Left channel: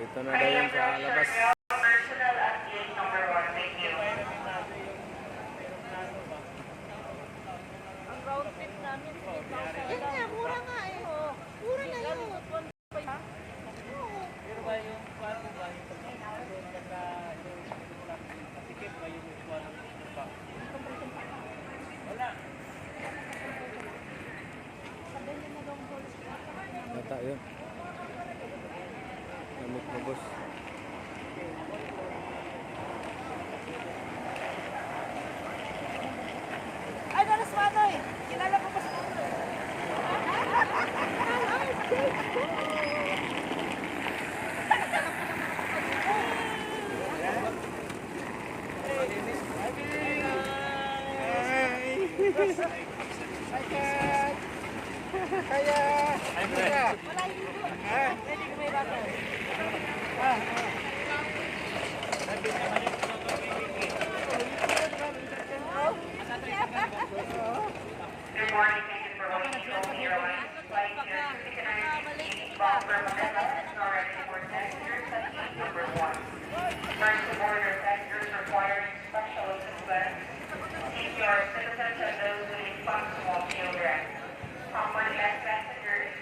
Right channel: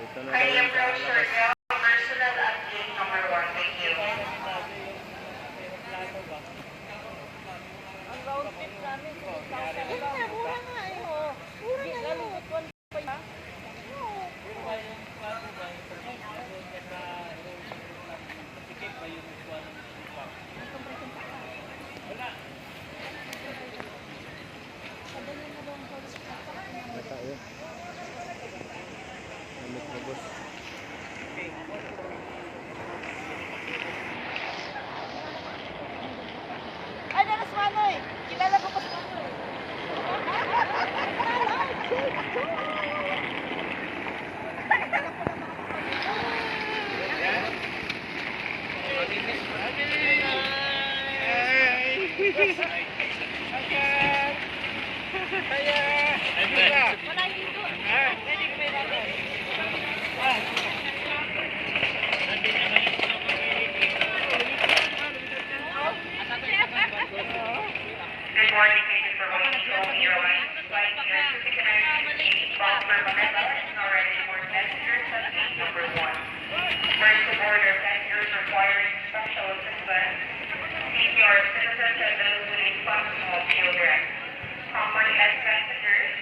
Dito na daw yun sa labas. Personal at gate number 1. Thank you. Ang round trip namin, 3,000 Yan lang. nga, mura nga eh. Mura na yun. Na tayo. Namit mo, boss. Ay, naras Manoy! Kilala ko pa si Manoy. Wala hindi doon. Pwede ko may ramen. Good morning, ladies and gentlemen. Home Airlines flight here to Ticanag, Boston, Manila, is now ready for passengers at gate number 1. First to board are passengers requiring special assistance, CPR citizens, and those with a functional children. Common as passengers,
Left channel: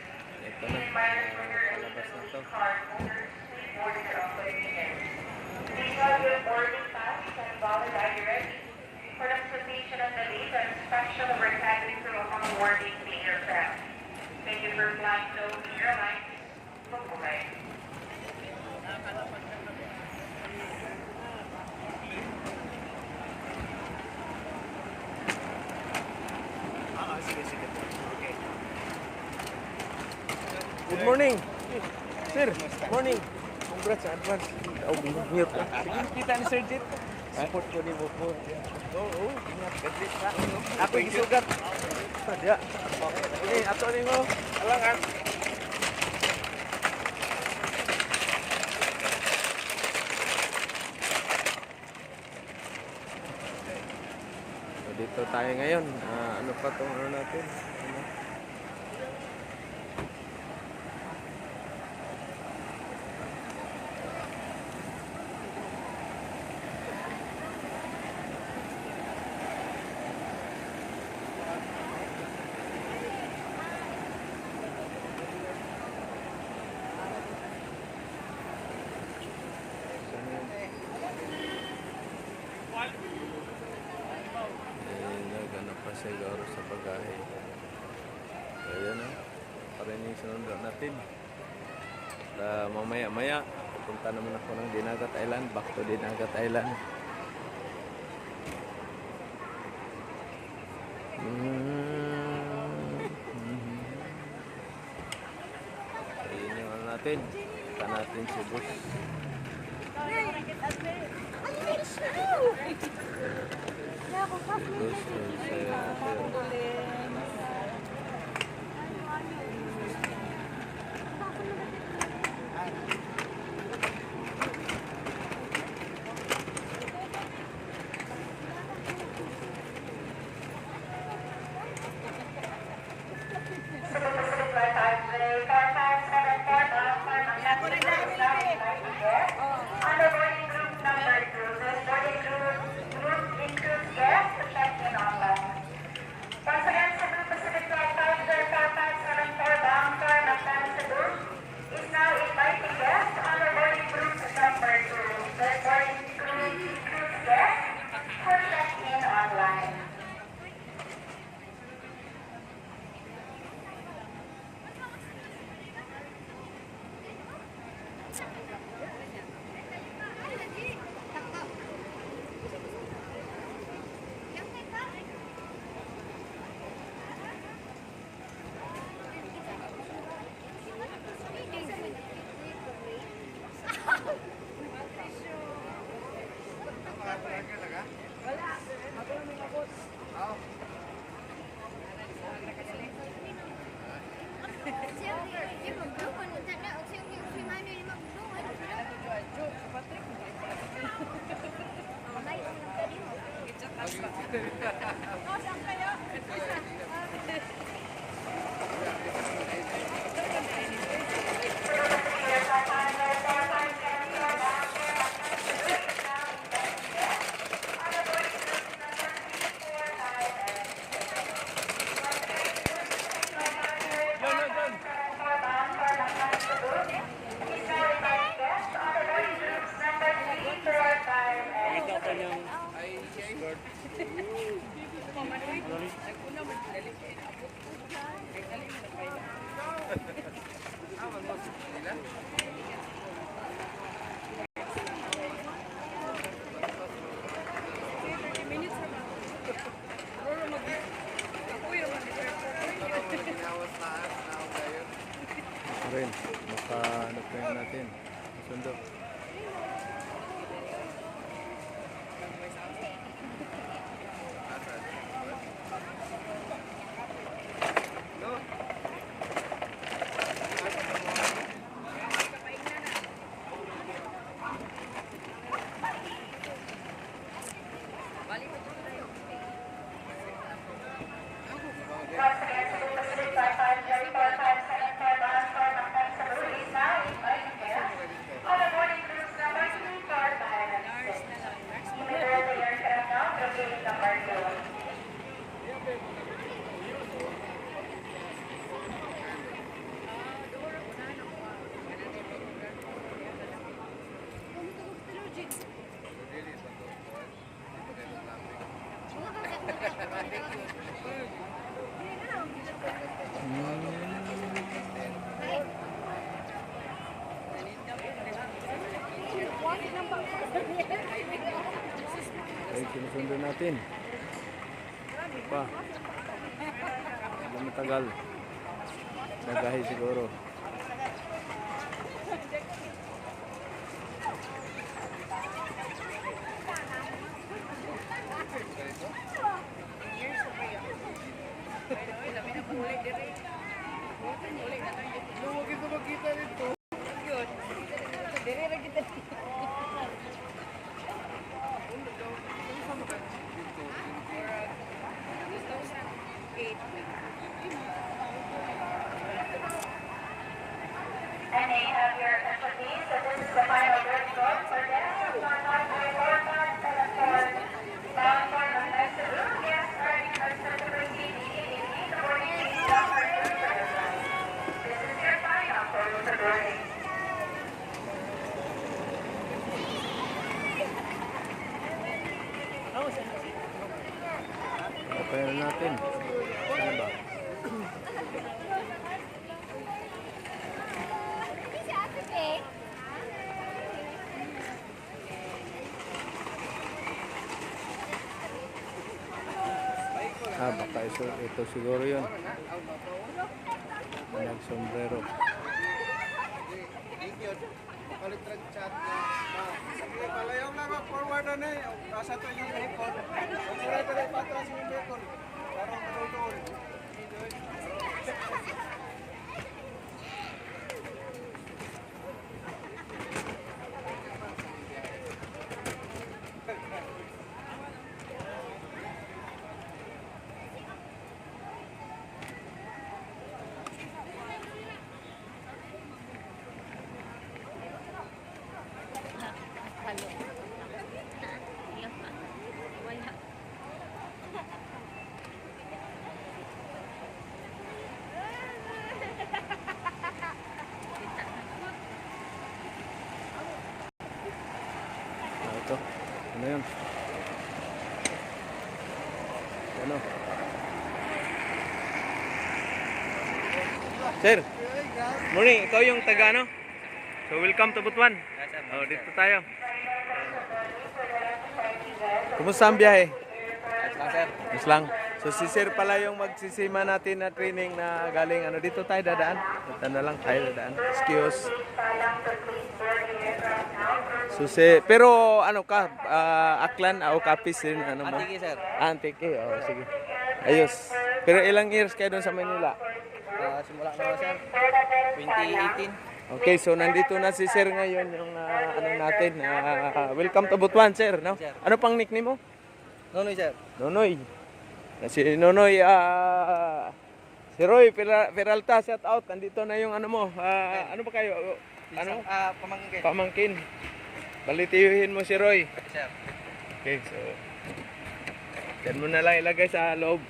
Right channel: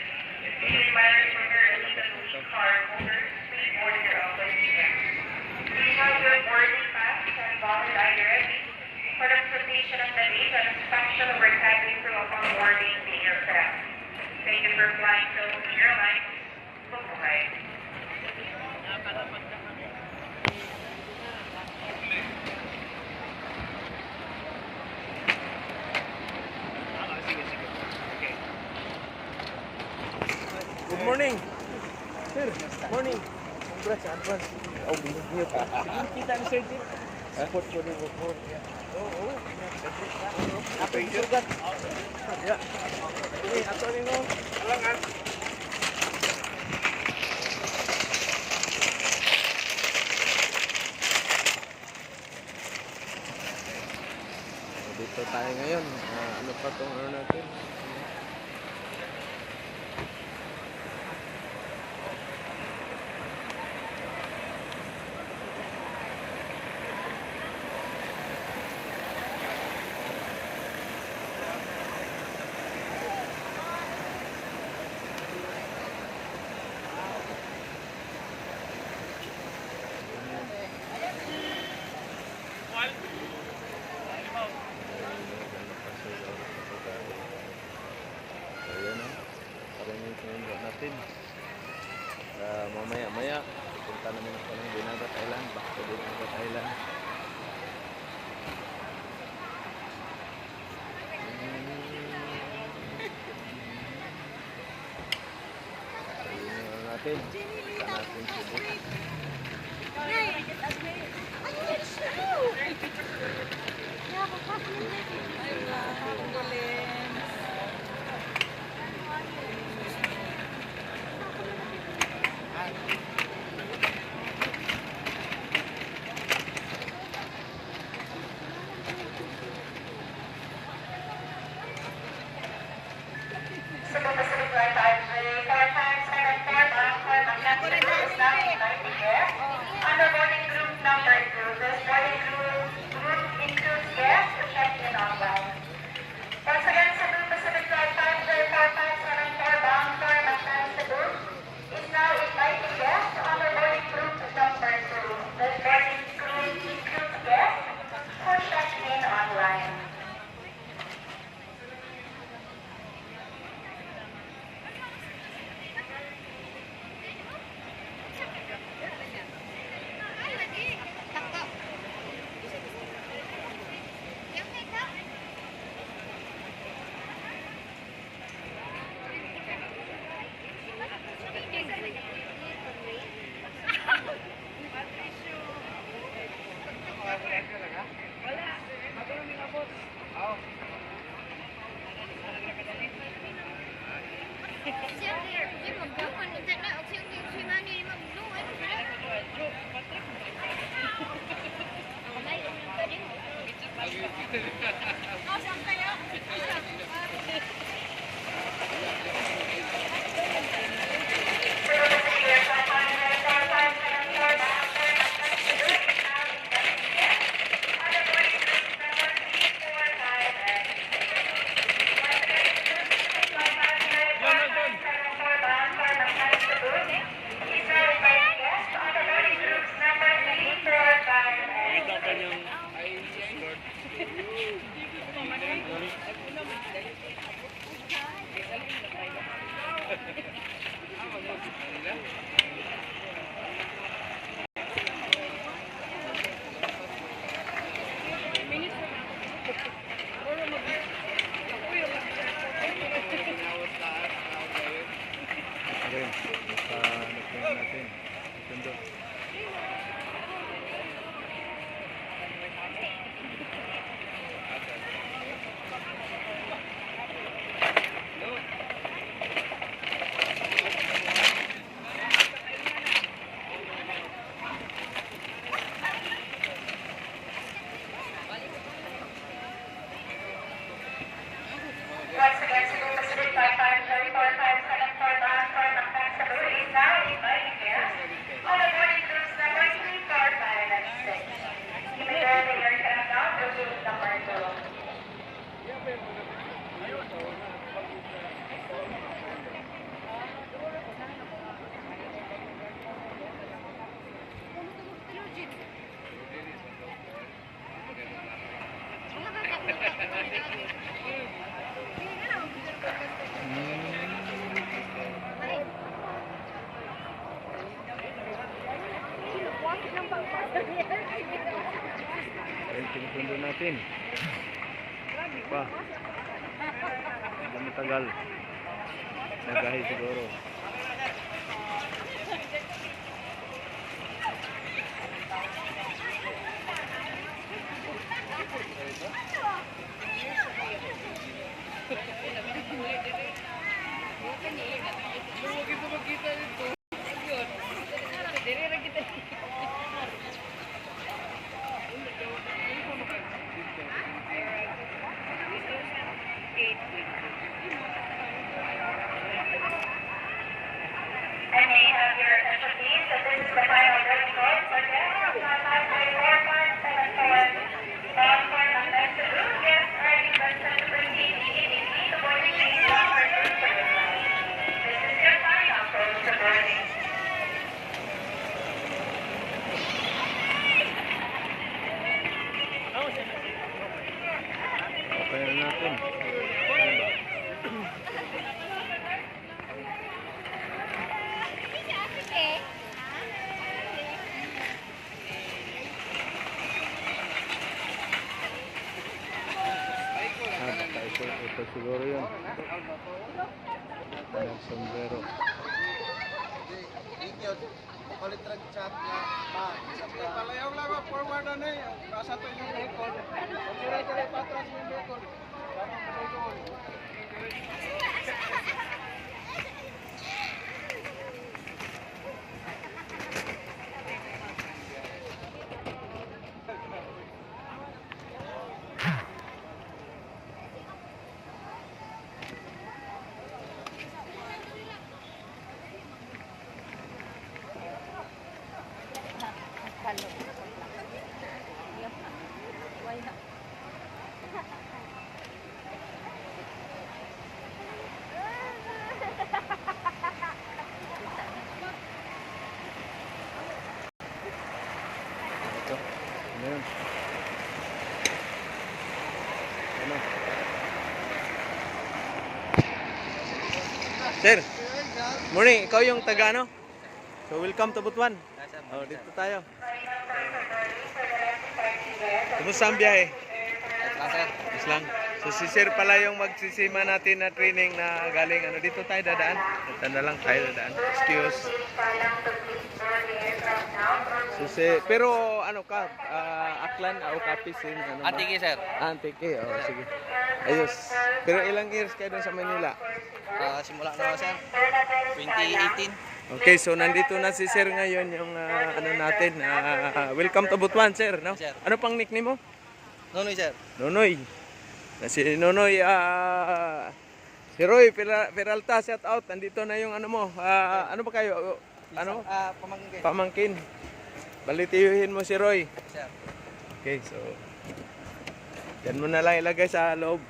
Ito be na. reminded from your Palabas na to. card holders, please board your own seat. Please have your boarding pass and valid ID ready for the completion of the gate and inspection of our cabin crew upon boarding the aircraft. Thank you for flying Philippine Airlines. Bye-bye. Good morning. Sir, morning. Congrats sa advance. Oh, binigyan ka. Sige, kita ni Sir Jit. Support ko din mo. Oo, ingat ka Jit ka. Ako isugat. Ya. Ini ato ni mo. Alangan. So, dito tayo ngayon. Ano pa tong ano natin? Ganap pa sa iyo sa pagkain. So yan na. Parang yung sinunod natin. Mamaya-maya, pupunta naman ako ng Dinagat Island. Back to Dinagat Island. So yun yung ano natin. Ika natin si Book. Once again, rin. Makahanap na natin. Sundo. Once again, Cebu Pacific 5534574 transfer ng Cebu is now inviting you on the boarding cruise number 24596. Immediately the air craft now for cruise number 2. Ayun, sinusundo natin. Pa. Hindi matagal. Nagahi siguro. And may you have your attention please, that this is the final boarding call for guests of 5534574 transfer ng Cebu. Guests are requested to proceed immediately to boarding gate number 2 for your flight. This is your final call for boarding. Okay na natin. Ano ba? Baka ito siguro yun. Nag-sombrero. Palit rag chat niya. Palayong lang ang forward na eh. Nasa to yung record. Pag-dire patras yung record. Parang madudol. Ito. Ano yun? Ano? Sir, morning. Ikaw yung taga ano? So welcome to Butuan. Oh, dito tayo. Kumusta ang biyahe? Lang sir. Mas lang. So si Sir pala yung magsisima natin na training na galing ano dito tayo dadaan. Ito na lang tayo dadaan. Excuse. So pero ano ka Aklan o Capiz din ano ba? Antiki sir. Antiki. Oh, sige. Ayos. Pero ilang years kayo doon sa Manila? Simula na sir. 2018. Okay, so nandito na si Sir ngayon yung ano natin. Welcome to Butuan, Sir, no? Sir. Ano pang nickname mo? Nonoy sir. Nonoy. Si Nonoy, si Roy Peralta, shout out. Nandito na yung ano mo. Ano ba kayo? Ano? Pamangkin. Pamangkin. Balitiyuhin mo si Roy. Sir. Okay, so dyan mo na lang ilagay sa loob.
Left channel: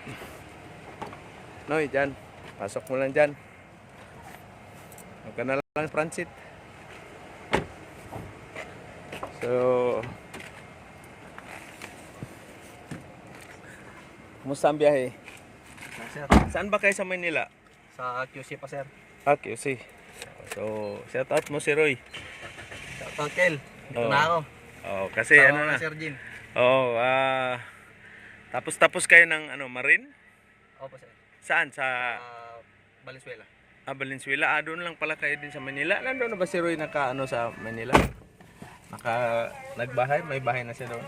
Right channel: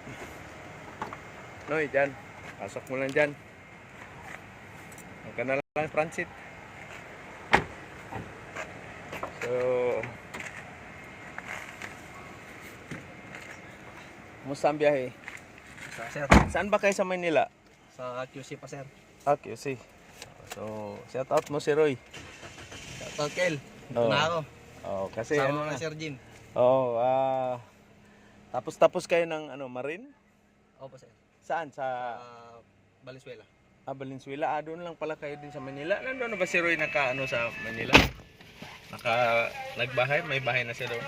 Noy, dyan. Pasok mo lang dyan. Huwag ka na lang transit. So kumusta ang biyahe? Sir. Saan ba kayo sa Manila? Sa QC pa sir. Okay, see. So, shout out mo si Roy. Shoutout Kel. Dito Oo. na ako. Oh, kasi ano na. Sir Jin. Oh, tapos kayo ng ano, Marine? Opo sir. Saan? Sa Valenzuela. Valenzuela. Doon lang pala kayo din sa Manila. Nandoon na ba si Roy sa Manila? Nagbahay? May bahay na siya doon.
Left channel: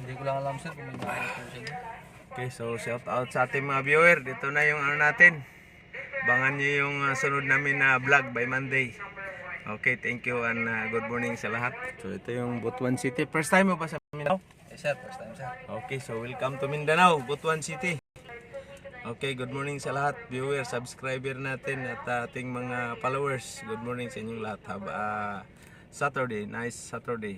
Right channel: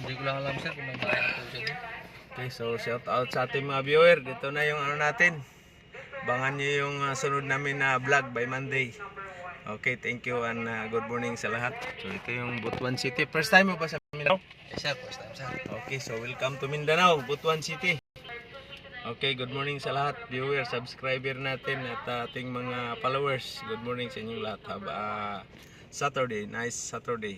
Hindi ko lang alam sir kung may bahay ito siya. Okay, so shout out sa ating mga viewer. Dito na yung natin. Abangan nyo yung sunod namin na vlog by Monday. Okay, thank you and good morning sa lahat. So ito yung Butuan City. First time mo ba sa Mindanao? Yes sir, first time sir. Okay, so welcome to Mindanao, Butuan City. Okay, good morning sa lahat, viewer, subscriber natin at ating mga followers. Good morning sa inyong lahat. Have a Saturday, nice Saturday.